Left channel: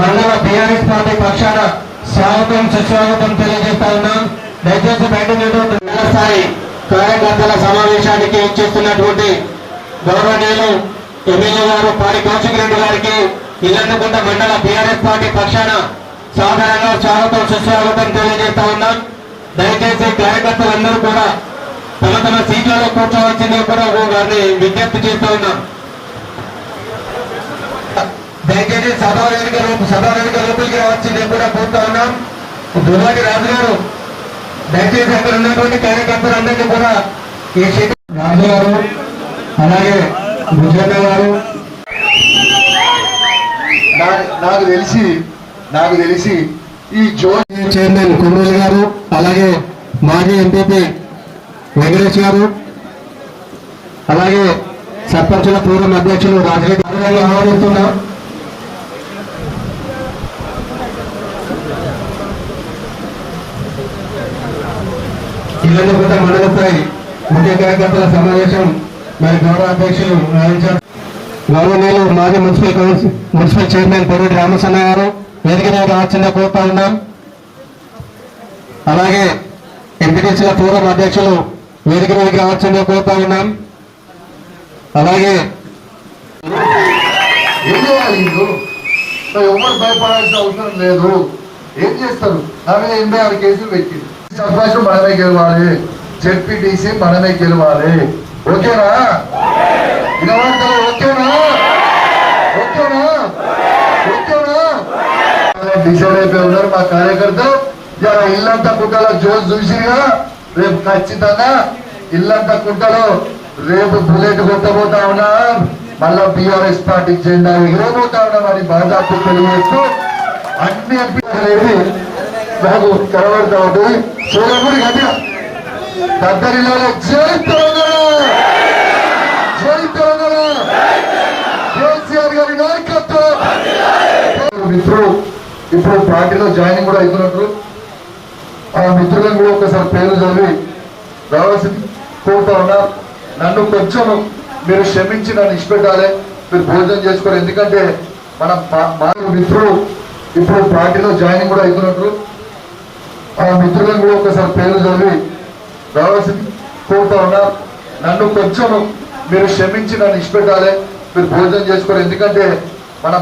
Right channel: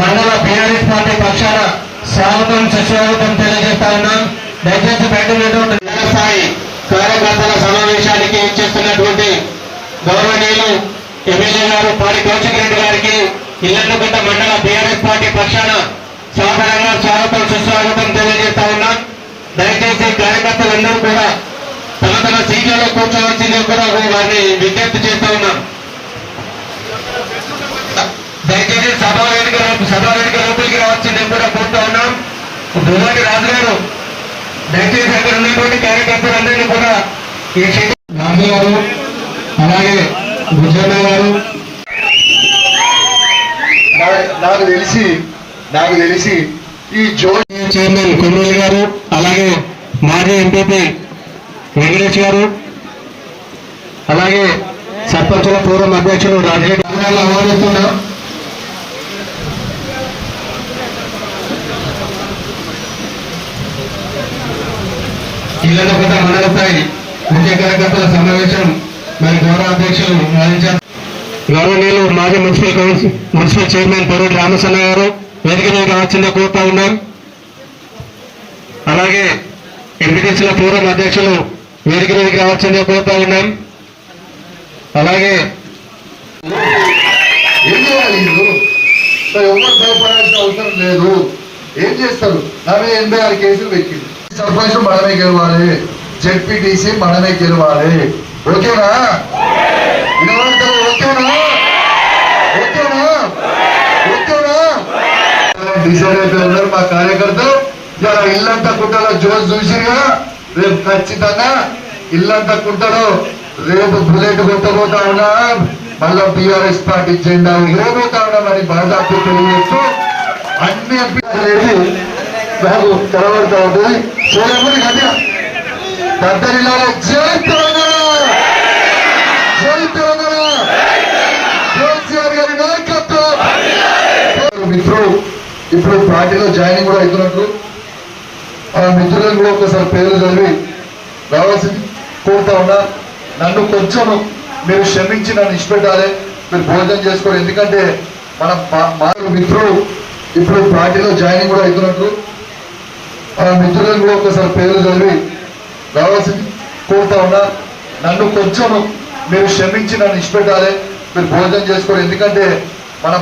మండల BRS party పక్షాన స్వాగతం సుస్వాగతం తెలియజేస్తా ఉన్నాం. దయచేసి బయట ఉన్నటువంటి కార్యకర్తల సమావేశానికి ఇచ్చేస్తున్నటువంటి గౌరవనీయులు ఎమ్మెల్యే గారు పాడి కౌశిక్ రెడ్డి గారికి ఇల్లందుకుంట మండల బీఆర్ఎస్ పార్టీ పక్షాన సాధారణంగా స్వాగతం సుస్వాగతం తెలియజేస్తా ఉన్నాం. దయచేసి కార్యకర్తలందరూ కూడా తమ తన సీట్లలో కూర్చోవలసింది కూడా వారిని విజ్ఞప్తి చేస్తా ఉన్నాం. దయచేసి సభ వేదిక వచ్చి నేను కూడా పోతా ఉన్నాం. దుర్వాడి రాజు గారు దయచేసి అక్కడ ఉన్నటువంటి కార్యకర్తలందరినీ కూడా ఈ సీట్ రాజు గారు అలాగే భుజన్న గారు నాకు తెలిసి నాకు తెలిసి ఈ జోన్ చైర్మన్ కొమ్మూరి గారు అలాగే మాజీ ఎంపీపీ వెంకటేష్ గారు అలాగే సర్పంచుల పూర్వం అధ్యక్షులు రాజేష్ గారిని ఇళ్ళకొండ మండల స్థాయి ముఖ్య కార్యకర్తల సమావేశం మరి గౌరవ అధ్యక్షులు గౌరవనీయులు మాజీ municipal council municipal chairman Poruru Ramasanna గారు వేదిక మీద రావాల్సిందిగా కోరుతా ఉన్నాం అలాగే ఎంపీటీసీల పూర్వం అధ్యక్షులు వేదిక మీదకి రావాల్సిందిగా కోరుతా ఉన్నాం అలాగే ఏం చేయాలి ఎవరు భయపడాల్సిన అవసరం లేదు. ఏం చేస్తారు? నా మీద ఎనభై ఆరు కేసులు పెట్టింది సర్పంచ్ మనమే గెలవాలి. జెడ్పీటీసీ మనమే గెలవాలి. ఓకేనా? వినబడతారు? ఓకేనా? ఓకేనా? ఓకేనా? డిసైడ్ అయిపోయి ఉన్నారు మా కార్యకర్తలు. ఇలా ఇల్లంతా కుట్టలో జోస్ చూసిగా రేపు ఖచ్చితంగా ఇల్లంతా కుట్టలో రేపు బుల్లెట్ కొట్టబోతా ఉన్నా. మళ్ళా బీఆర్ఎస్ పార్టీ జెండా ఇవ్వబోతా ఉన్నా మరి బాధాపు తెలియజేస్తూ అన్ని రెడీ నాకు కనబడతా ఉంటుంది చూడకుండా గట్టిగా. గద్దరిలో జై తెలంగాణ! జై తెలంగాణ! కేసీఆర్ గారి నాయకత్వం! మిత్రుడు ఇప్పుడు పార్టీలో జాయినింగ్ కూడా అవుతున్నట్టు ఆ మిత్రులను కూడా ఒకసారి పేరు చదివి రావాల్సింది కోరుతా ఉన్నా. నన్ను కొంచెం మీరు క్షమించి నన్ను ఇష్టపెట్టాలి మీరు భోజనం చేసుకోరు ఎందుకంటే మన మా మిత్రుడు ఇప్పుడు పార్టీలో జాయినింగ్ కూడా అవుతున్నట్లు ఆ మిత్రులను కూడా ఒకసారి పేరు చదివి రావాల్సింది. కోరుతా ఉన్నా నన్ను కొంచెం మీరు క్షమించి నన్ను ఇష్టపెట్టాలి మీరు భోజనం చేసుకోరు. ఎందుకంటే మనం